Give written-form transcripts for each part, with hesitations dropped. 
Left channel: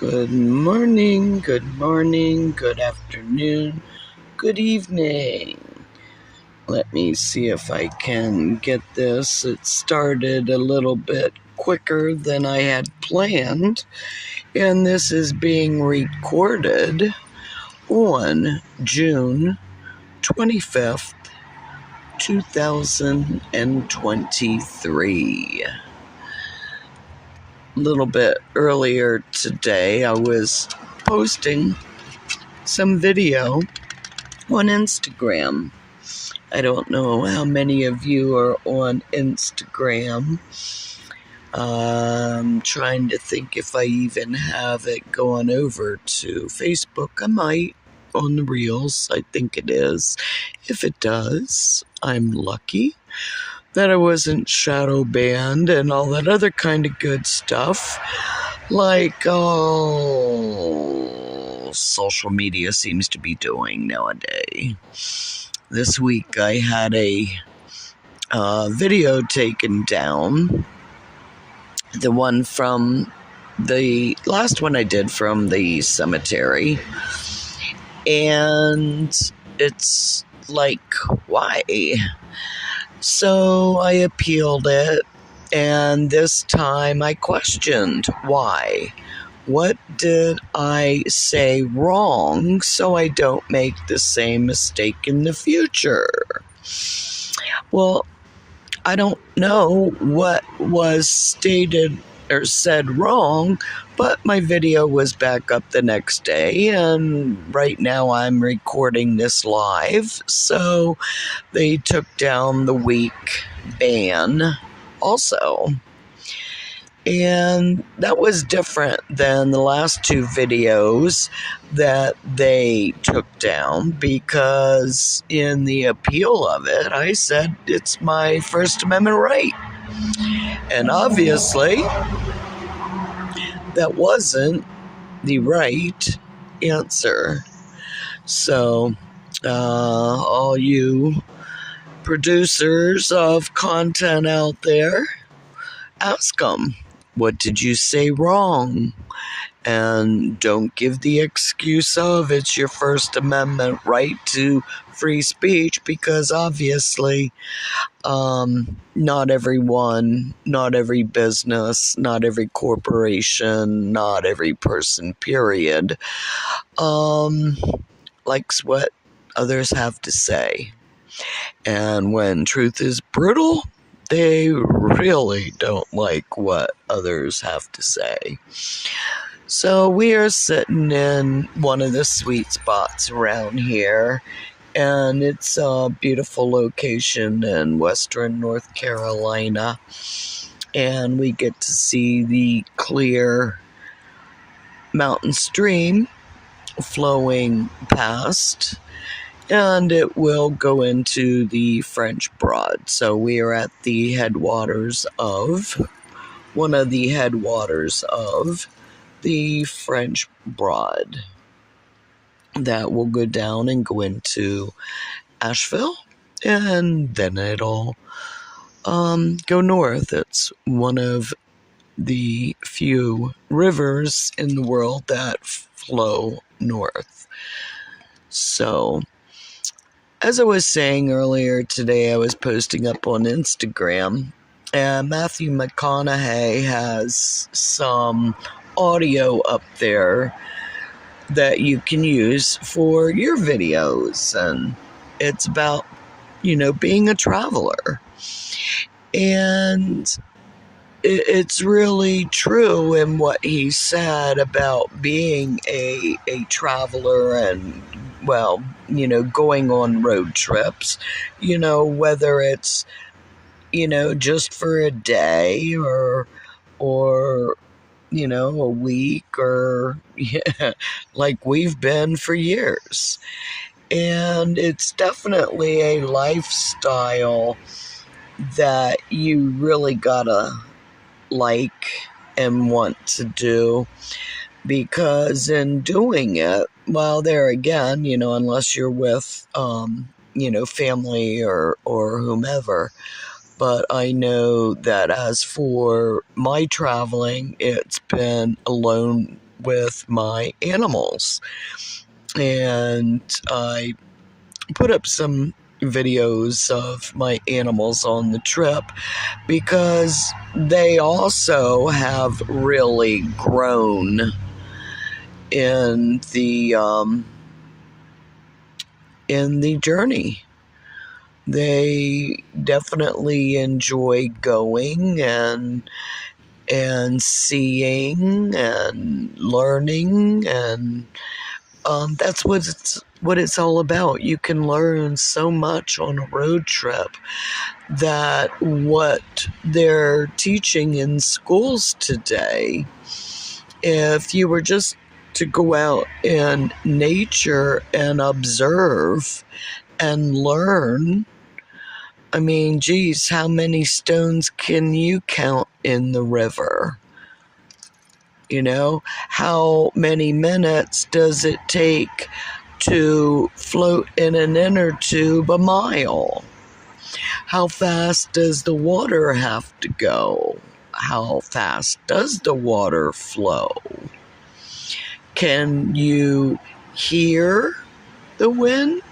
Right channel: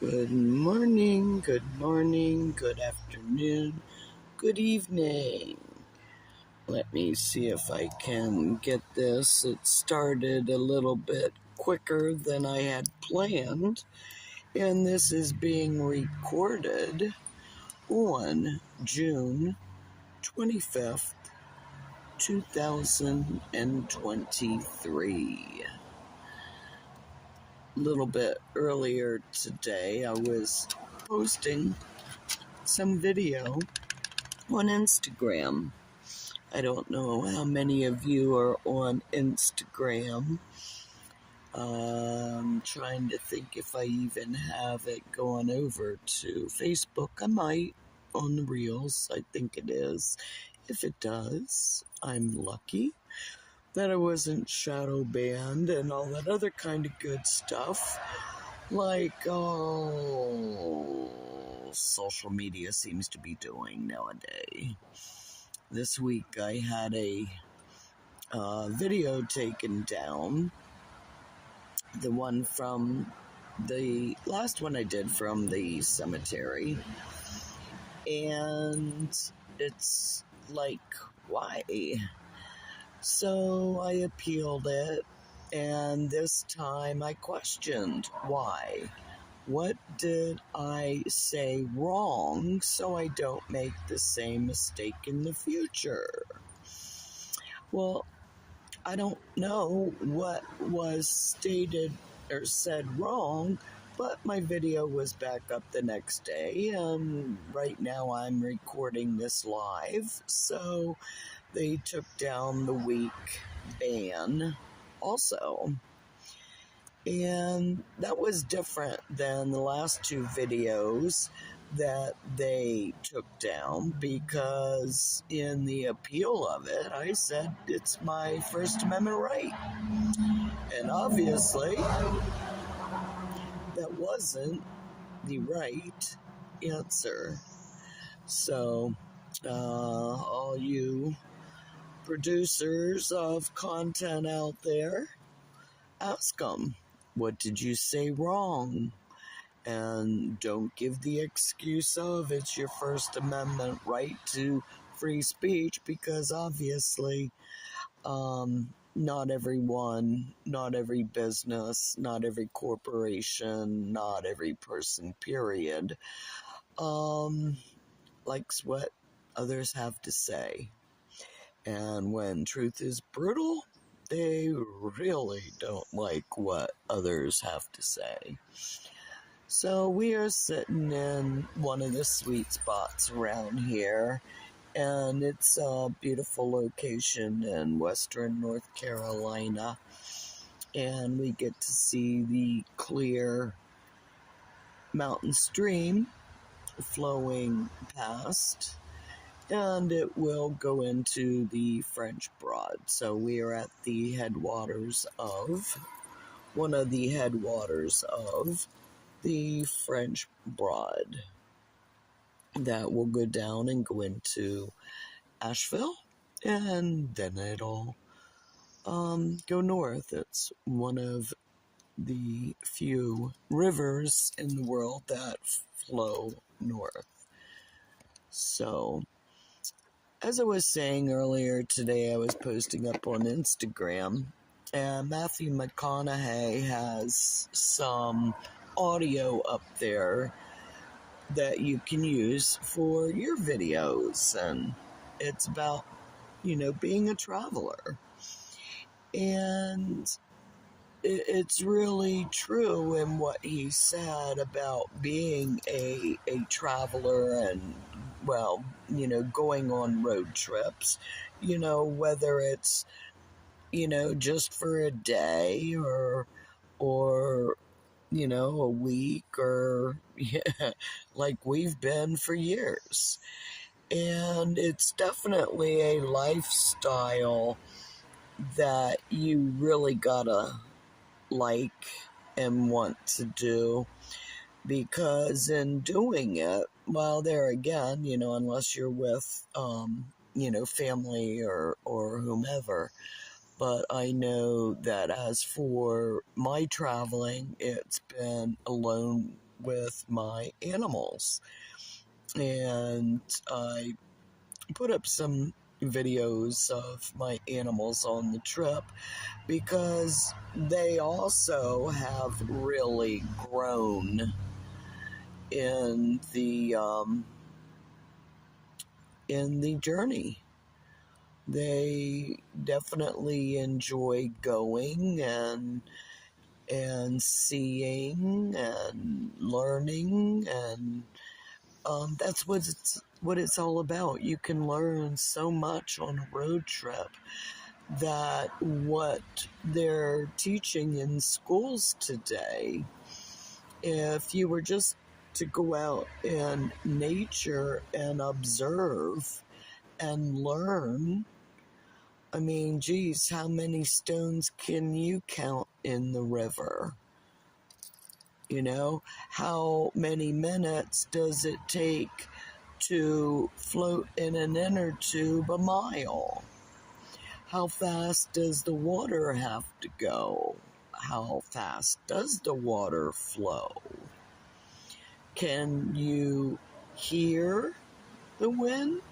Good morning, good afternoon, good evening. Let me see if I can get this. It started a little bit quicker than I had planned, and this is being recorded on June 25th, 2023. A little bit earlier today, I was posting some video on Instagram. I don't know how many of you are on Instagram. I'm trying to think if I even have it going over to Facebook. I might on the Reels. I think it is. If it does, I'm lucky that I wasn't shadow banned and all that other kind of good stuff. Like social media seems to be doing nowadays. This week I had a video taken down. The one from the last one I did from the cemetery. And it's like, why? So I appealed it. And this time I questioned why. What did I say wrong so I don't make the same mistake in the future? Well, I don't know what was stated or said wrong, but my video was back up the next day, and right now I'm recording this live, so they took down the week ban also. And that was different than the last two videos that they took down, because in the appeal of it, I said it's my First Amendment right. And obviously, that wasn't the right answer. So, all you producers of content out there, ask them, what did you say wrong? And don't give the excuse of it's your First Amendment right to free speech, because obviously not everyone, not every business, not every corporation, not every person, period, likes what others have to say. And when truth is brutal, they really don't like what others have to say. So we are sitting in one of the sweet spots around here, and it's a beautiful location in western North Carolina, and we get to see the clear mountain stream flowing past, and it will go into the French Broad. So we are at the headwaters of, one of the headwaters of the French Broad that will go down and go into Asheville, and then it'll go north. It's one of the few rivers in the world that flow north. So, as I was saying earlier today, I was posting up on Instagram, and Matthew McConaughey has some audio up there that you can use for your videos, and it's about, being a traveler. And it's really true in what he said about being a traveler and, going on road trips, whether it's, just for a day or a week, or like we've been for years. And it's definitely a lifestyle that you really gotta like and want to do, because in doing it, well, there again, unless you're with family or whomever, but I know that as for my traveling, it's been alone with my animals. And I put up some videos of my animals on the trip because they also have really grown in the journey. They definitely enjoy going and seeing and learning, and that's what it's all about. You can learn so much on a road trip that what they're teaching in schools today, if you were just to go out in nature and observe and learn, I mean, geez, how many stones can you count in the river? You know, how many minutes does it take to float in an inner tube a mile? How fast does the water have to go? How fast does the water flow? Can you hear the wind?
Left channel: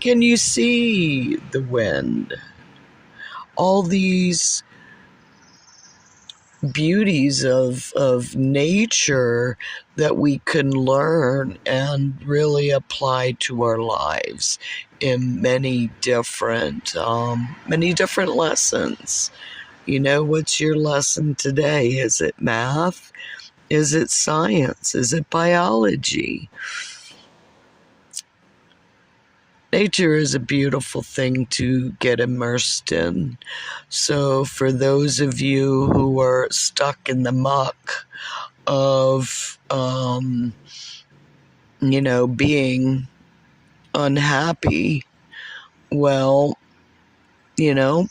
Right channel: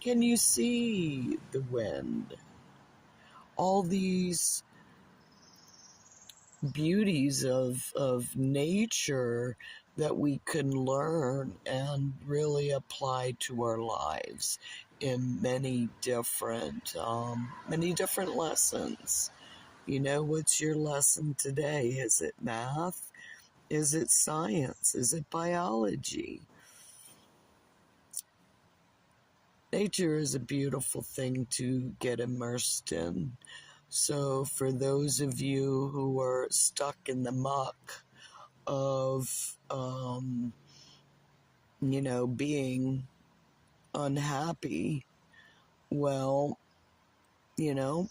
Can you see the wind? All these beauties of nature that we can learn and really apply to our lives in many different lessons. You know, what's your lesson today? Is it math? Is it science? Is it biology? Nature is a beautiful thing to get immersed in. So for those of you who are stuck in the muck of, being unhappy, well, the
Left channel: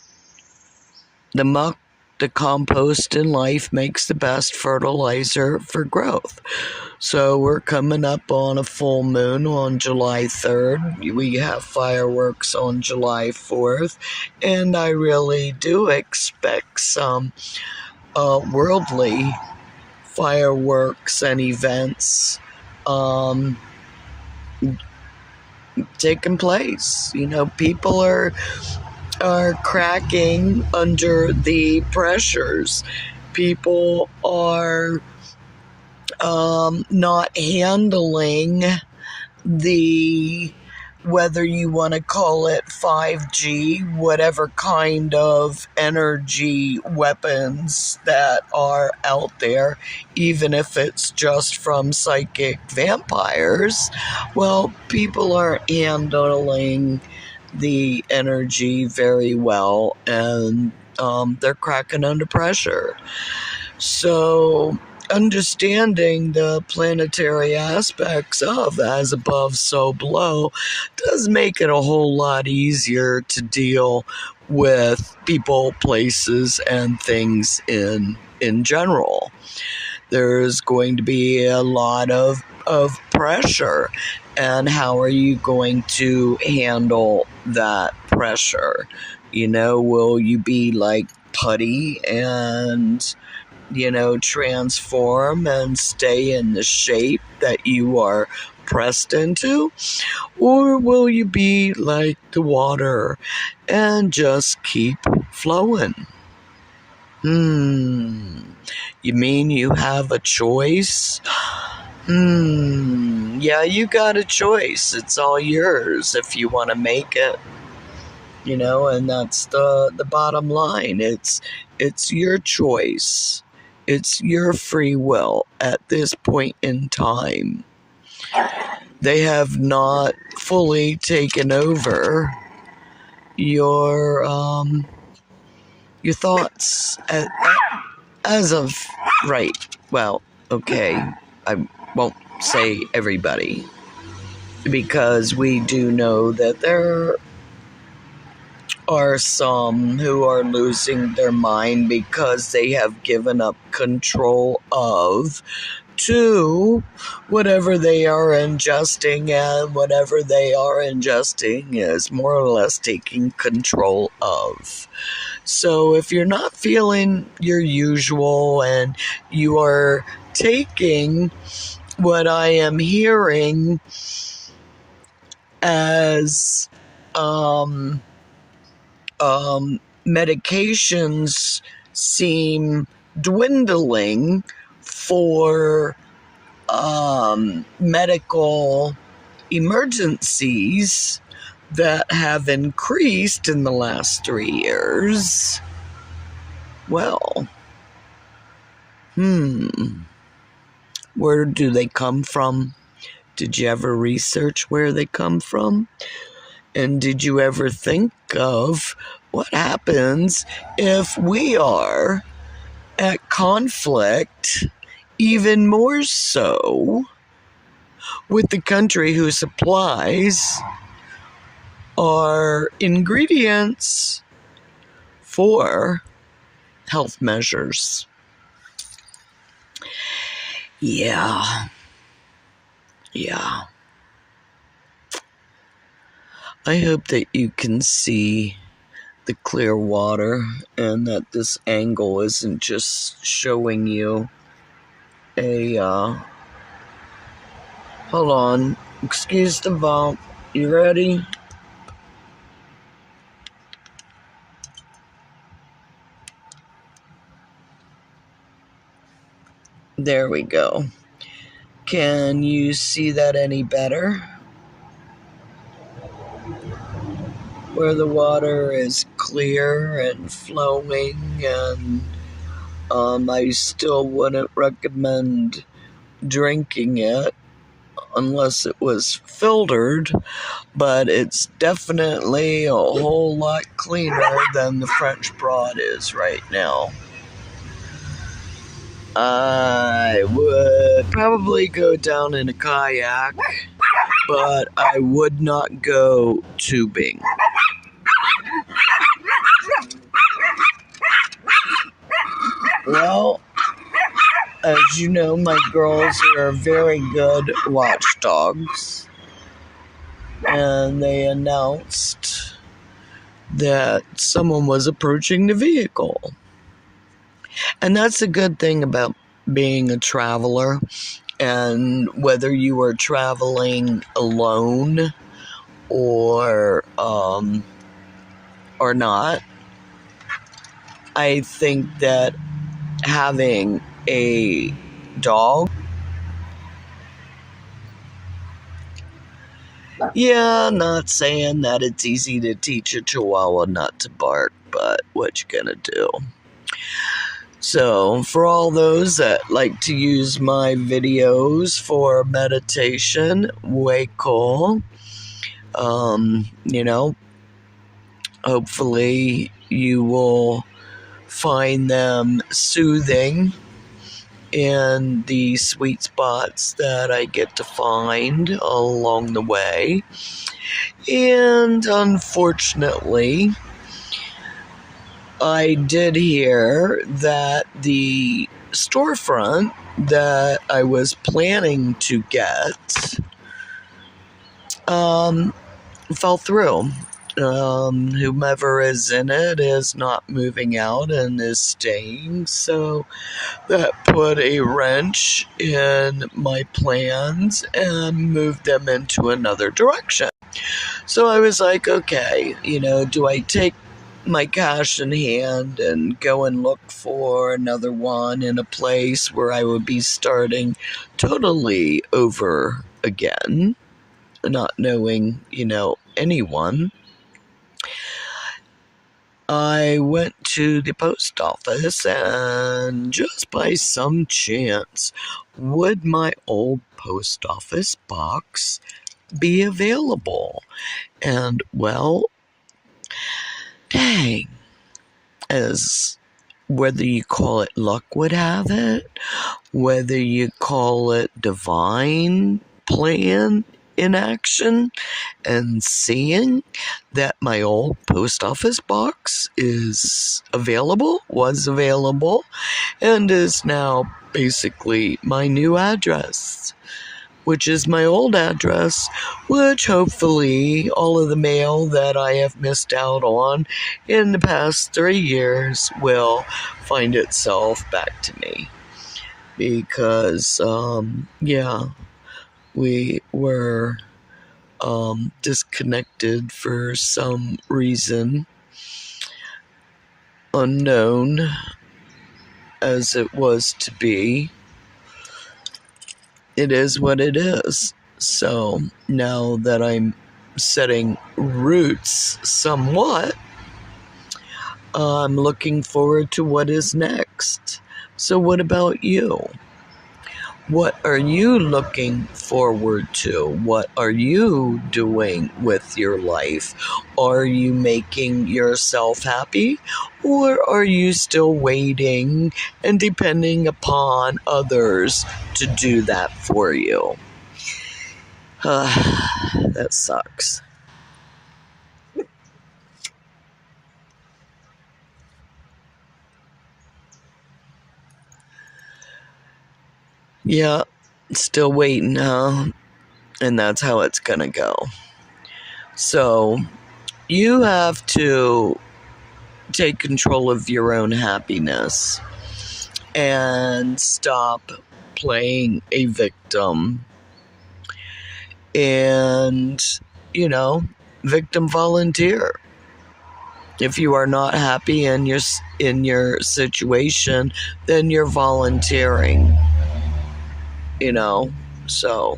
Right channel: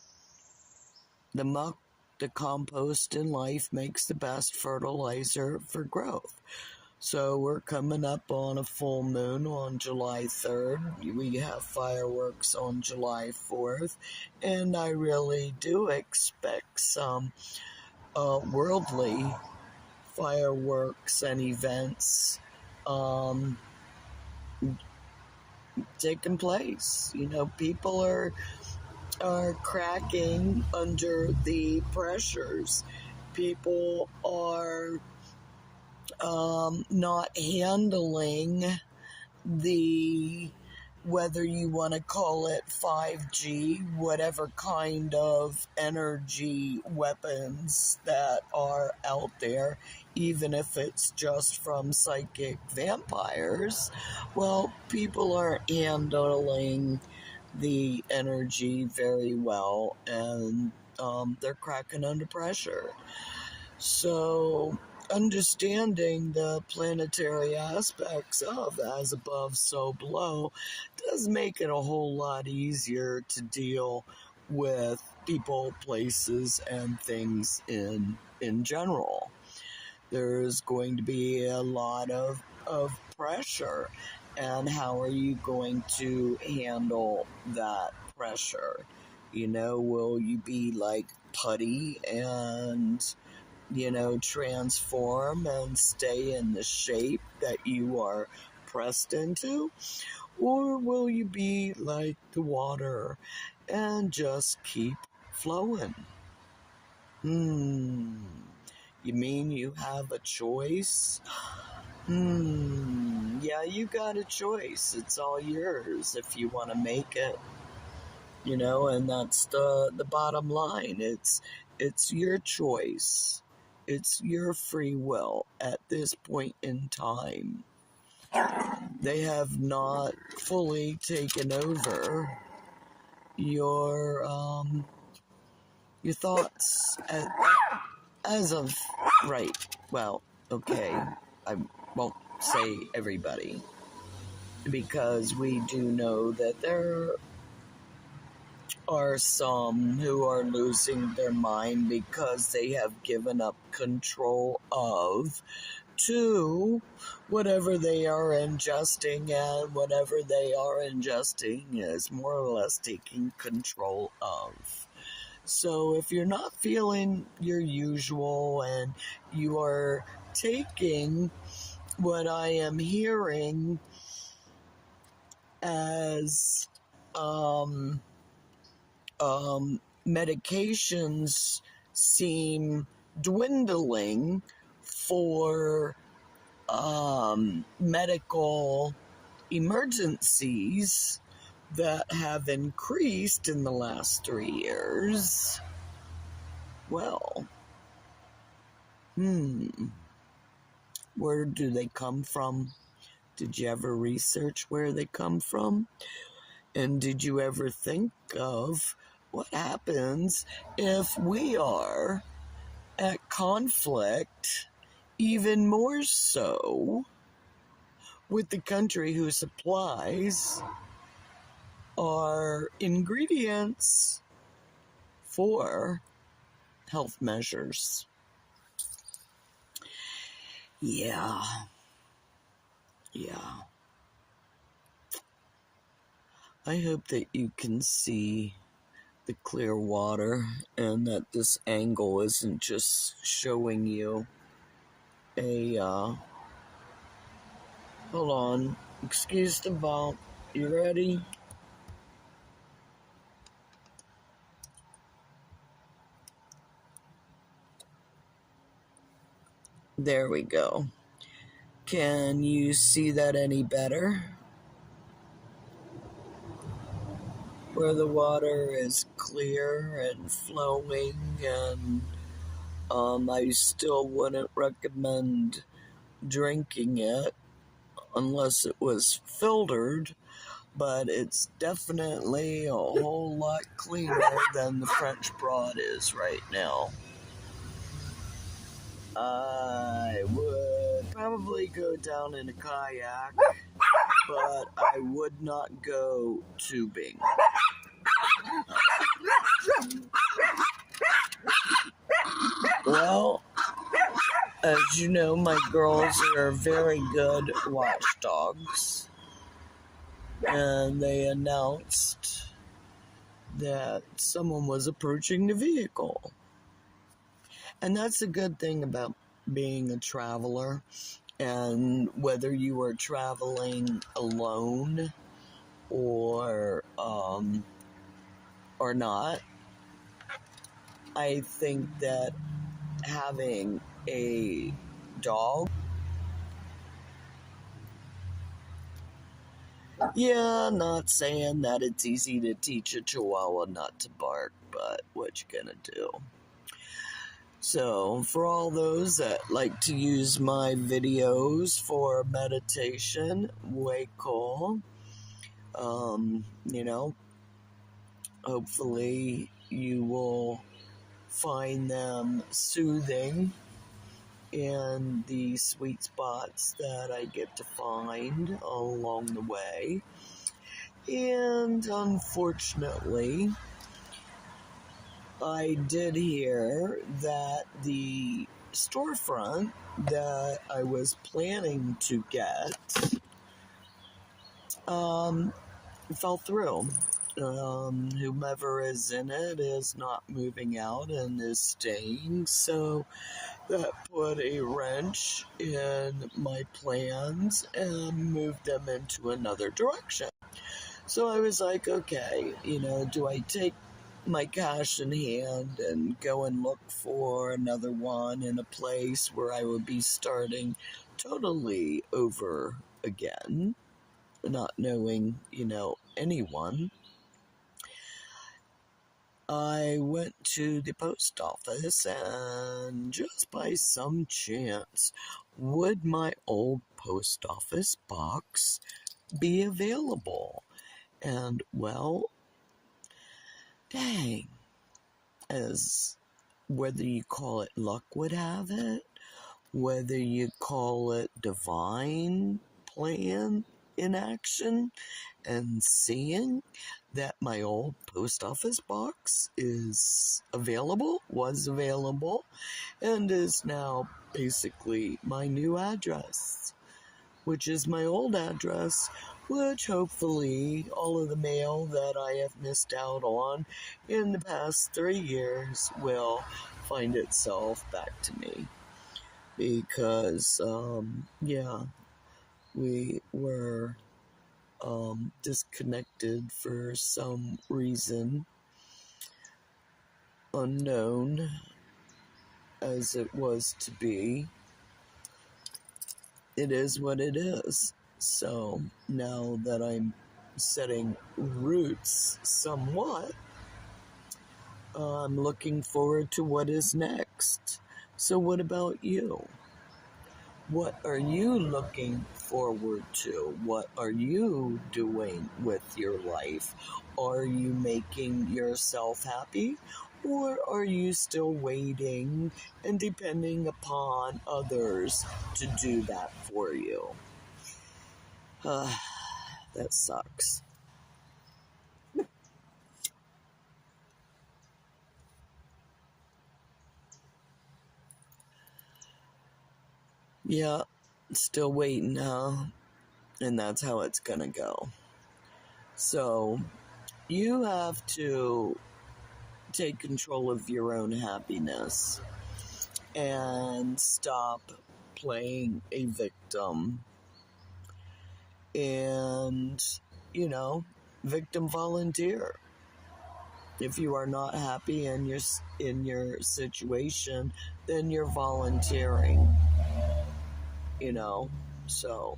muck, the compost in life makes the best fertilizer for growth. So we're coming up on a full moon on July 3rd. We have fireworks on July 4th. And I really do expect some worldly fireworks and events taking place. You know, people are cracking under the pressures. People are not handling the, whether you want to call it 5G, whatever kind of energy weapons that are out there, even if it's just from psychic vampires. Well, people aren't handling the energy very well, and they're cracking under pressure. So understanding the planetary aspects of as above, so below does make it a whole lot easier to deal with people, places, and things in general. There's going to be a lot of pressure, and how are you going to handle that pressure? You know, will you be like putty and transform and stay in the shape that you are pressed into? Or will you be like the water and just keep flowing? You mean you have a choice? Yeah, you got a choice. It's all yours if you want to make it. And that's the bottom line. It's your choice. It's your free will at this point in time. They have not fully taken over your thoughts as of right. Well, okay, I won't say everybody, because we do know that there are some who are losing their mind because they have given up control to whatever they are ingesting, and whatever they are ingesting is more or less taking control of. So if you're not feeling your usual and you are taking what I am hearing as medications seem dwindling for medical emergencies that have increased in the last 3 years. Well, where do they come from? Did you ever research where they come from? And did you ever think of what happens if we are at conflict, even more so, with the country who supplies our ingredients for health measures? Yeah. I hope that you can see the clear water and that this angle isn't just showing you a, hold on, excuse the bump. You ready? There we go. Can you see that any better? Where the water is clear and flowing, and I still wouldn't recommend drinking it unless it was filtered, but it's definitely a whole lot cleaner than the French Broad is right now. I would probably go down in a kayak, but I would not go tubing. Well, as you know, my girls are very good watchdogs, and they announced that someone was approaching the vehicle. And that's a good thing about being a traveler, and whether you are traveling alone or not, I think that having a dog, not saying that it's easy to teach a Chihuahua not to bark, but what you gonna do? So, for all those that like to use my videos for meditation, way cool. Hopefully you will find them soothing in the sweet spots that I get to find along the way. And unfortunately, I did hear that the storefront that I was planning to get fell through. Whomever is in it is not moving out and is staying, so that put a wrench in my plans and moved them into another direction. So I was like, okay, do I take my cash in hand and go and look for another one in a place where I would be starting totally over again, not knowing, anyone? I went to the post office, and just by some chance, would my old post office box be available? And well, dang, as whether you call it luck would have it, whether you call it divine plan in action, and seeing that my old post office box was available, and is now basically my new address, which is my old address, which hopefully all of the mail that I have missed out on in the past 3 years will find itself back to me. because, yeah, we were disconnected for some reason unknown as it was to be. It is what it is. So now that I'm setting roots somewhat, I'm looking forward to what is next. So, what about you? What are you looking forward to? What are you doing with your life? Are you making yourself happy? Or are you still waiting and depending upon others to do that for you? That sucks. Yeah, still waiting, huh? And that's how it's gonna go. So, you have to take control of your own happiness and stop playing a victim and, victim volunteer. If you are not happy in your situation, then you're volunteering, So,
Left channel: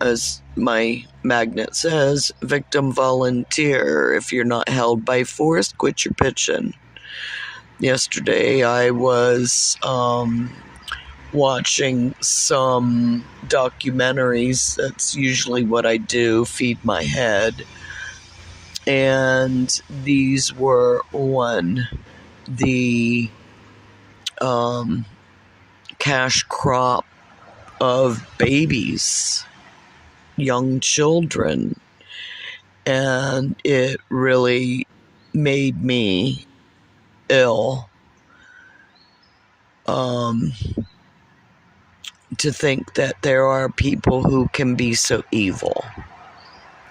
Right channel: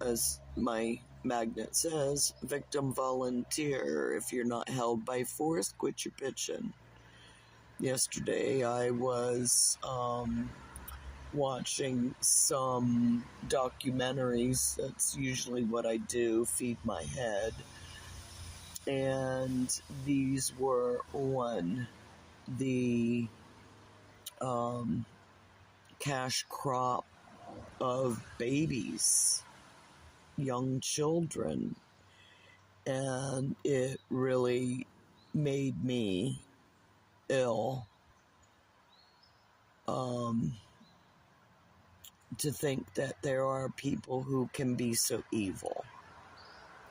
as my magnet says, victim volunteer. If you're not held by force, quit your pitching. Yesterday, I was watching some documentaries. That's usually what I do, feed my head. And these were the cash crop of babies, young children. And it really made me ill to think that there are people who can be so evil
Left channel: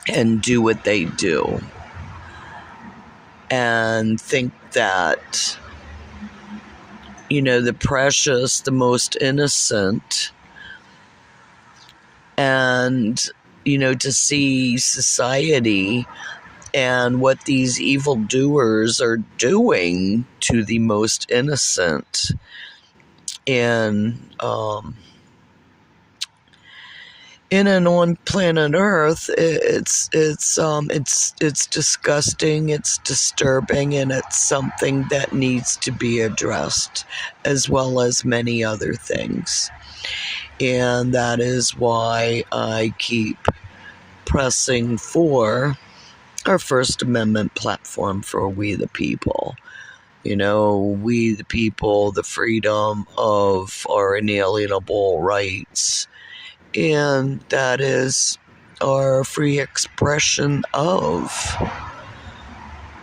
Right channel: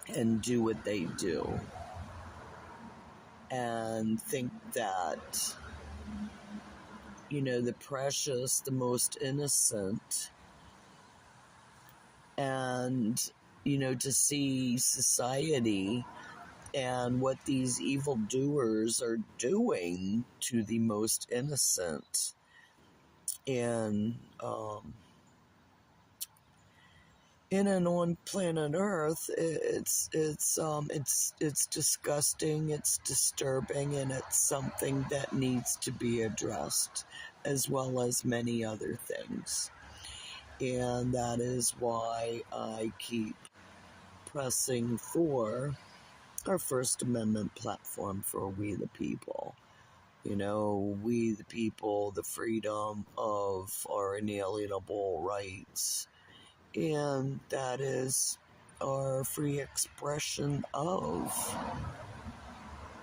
and do what they do and think that, the precious, the most innocent, and, to see society and what these evildoers are doing to the most innocent in and on planet Earth, it's disgusting, it's disturbing, and it's something that needs to be addressed, as well as many other things. And that is why I keep pressing for our First Amendment platform for we the people. We the people, the freedom of our inalienable rights. And that is our free expression of,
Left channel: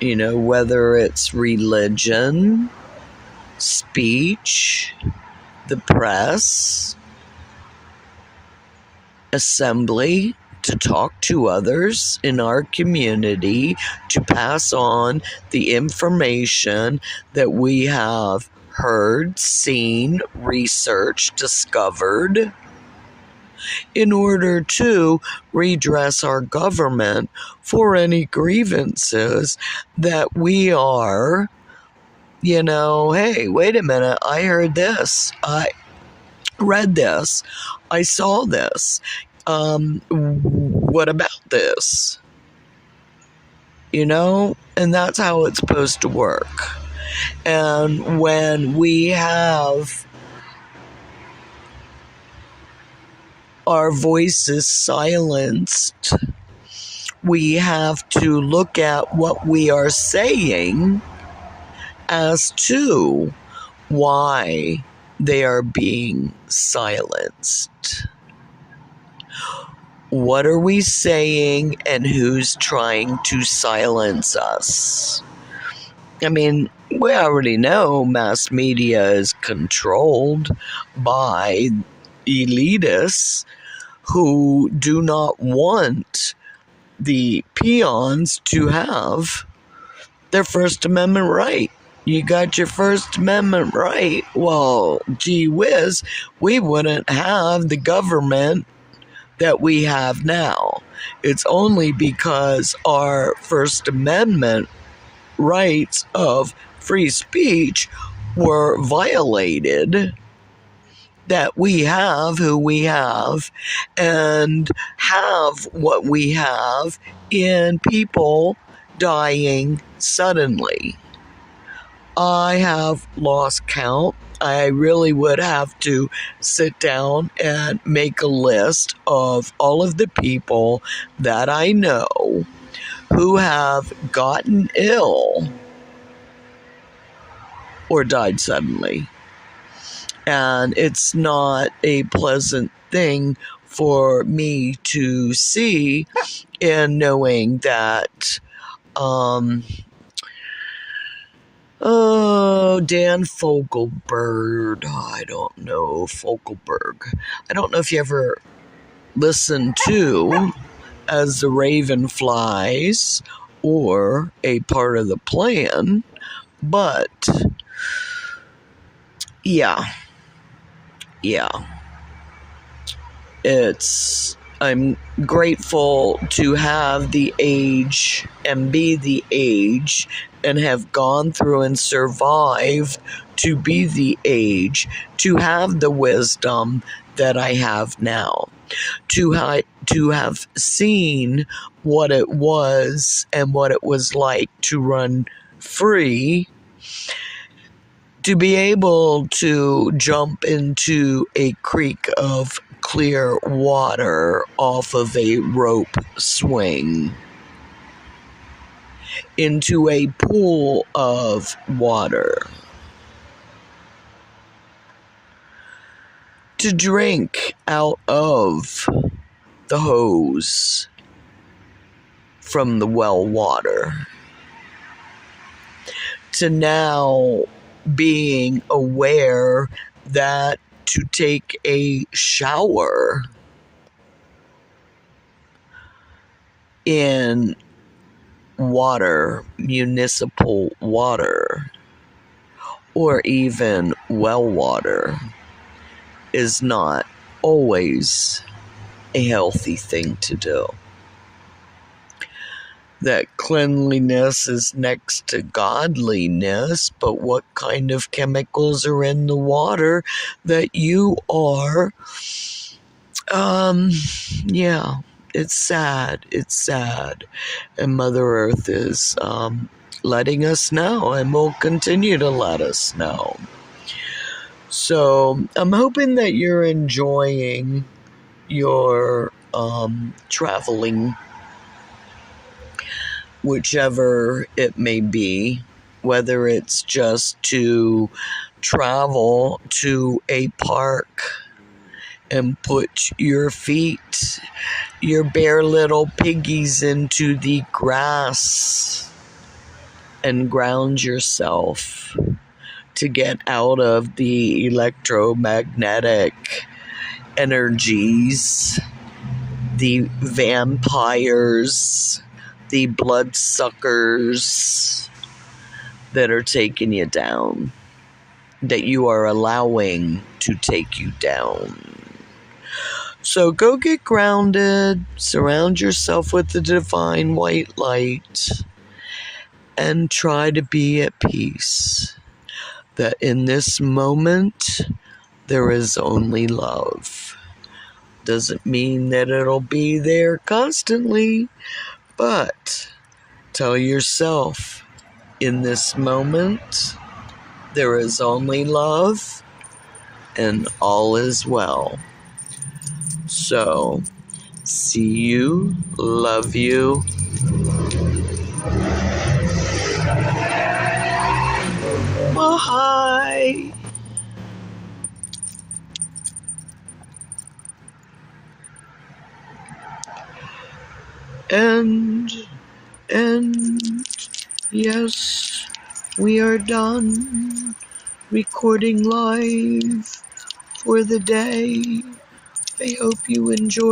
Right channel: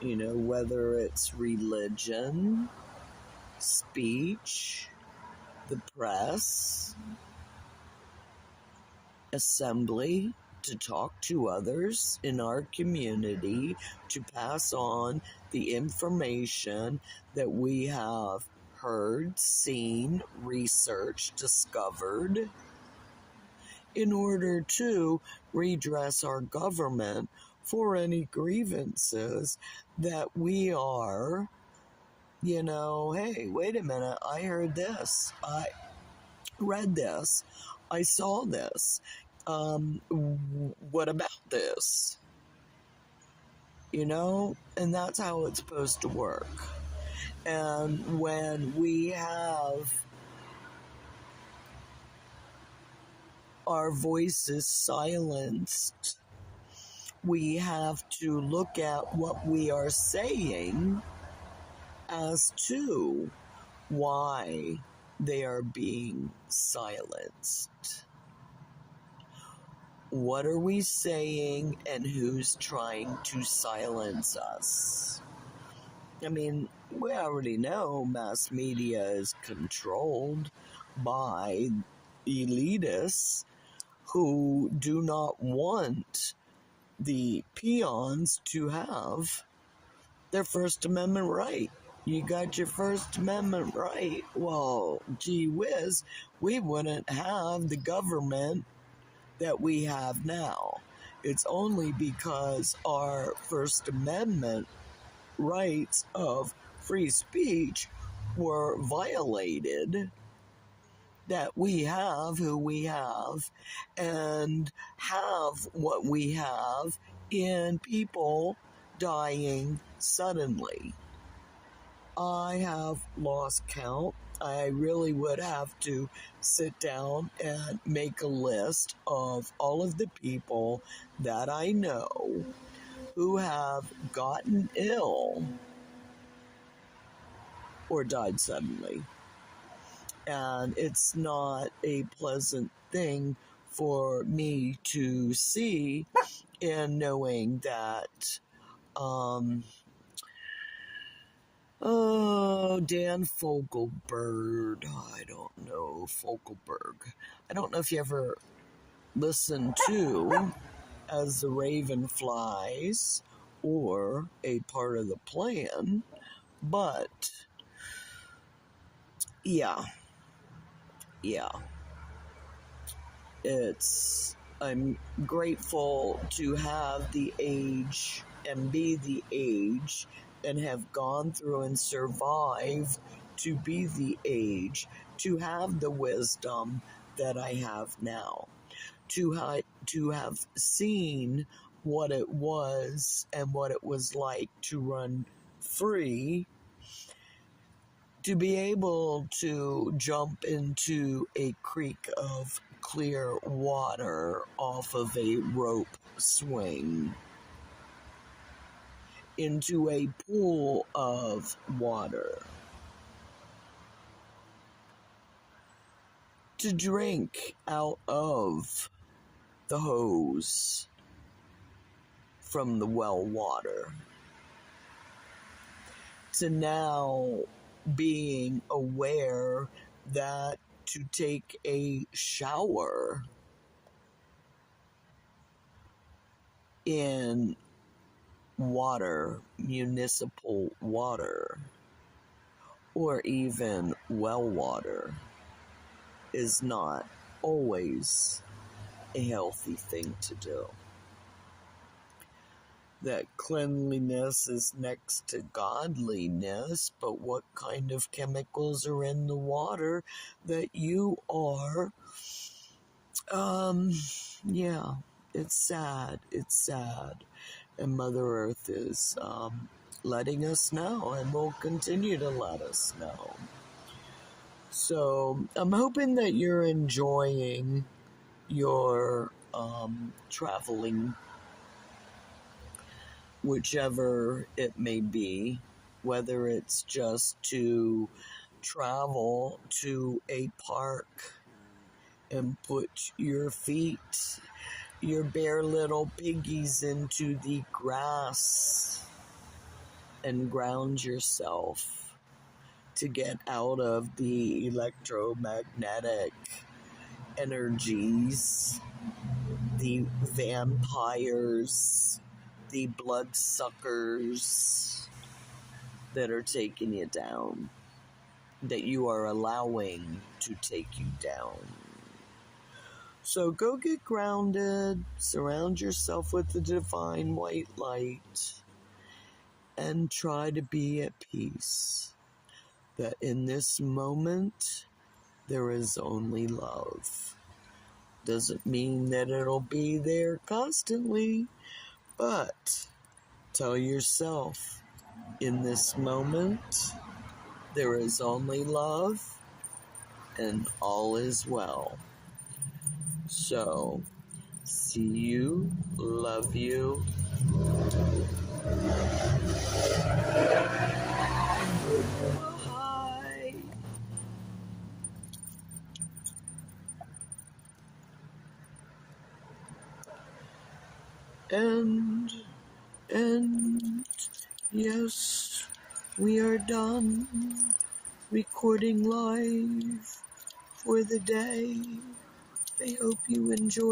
whether it's religion, speech, the press, assembly, to talk to others in our community, to pass on the information that we have heard, seen, researched, discovered, in order to redress our government for any grievances that we are, hey, wait a minute, I heard this, I read this, I saw this, what about this? And that's how it's supposed to work. And when we have our voices silenced, we have to look at what we are saying as to why they are being silenced. What are we saying, and who's trying to silence us? I mean, we already know mass media is controlled by elitists who do not want the peons to have their First Amendment right. you got your First Amendment right. Well, gee whiz, we wouldn't have the government that we have now. It's only because our First Amendment rights of free speech were violated that we have who we have and have what we have in people dying suddenly. I have lost count. I really would have to sit down and make a list of all of the people that I know who have gotten ill or died suddenly. And it's not a pleasant thing for me to see, in knowing that Dan Fogelberg. I don't know Fogelberg. I don't know if you ever listened to As the Raven Flies or A Part of the Plan, but yeah. I'm grateful to have the age and be the age and have gone through and survived to be the age, to have the wisdom that I have now, to have seen what it was and what it was like to run free, to be able to jump into a creek of clear water off of a rope swing, into a pool of water, to drink out of the hose from the well water, to now being aware that to take a shower in water, municipal water, or even well water, is not always a healthy thing to do. That cleanliness is next to godliness, but what kind of chemicals are in the water that you are, it's sad. And Mother Earth is letting us know and will continue to let us know. So I'm hoping that you're enjoying your traveling, whichever it may be, whether it's just to travel to a park and put your feet, your bare little piggies, into the grass and ground yourself to get out of the electromagnetic energies, the vampires, the bloodsuckers that are taking you down, that you are allowing to take you down. So go get grounded, surround yourself with the divine white light, and try to be at peace. That in this moment, there is only love. Doesn't mean that it'll be there constantly, but tell yourself, in this moment, there is only love and all is well. So, see you, love you. Bye. And yes, we are done recording live for the day. I hope you enjoyed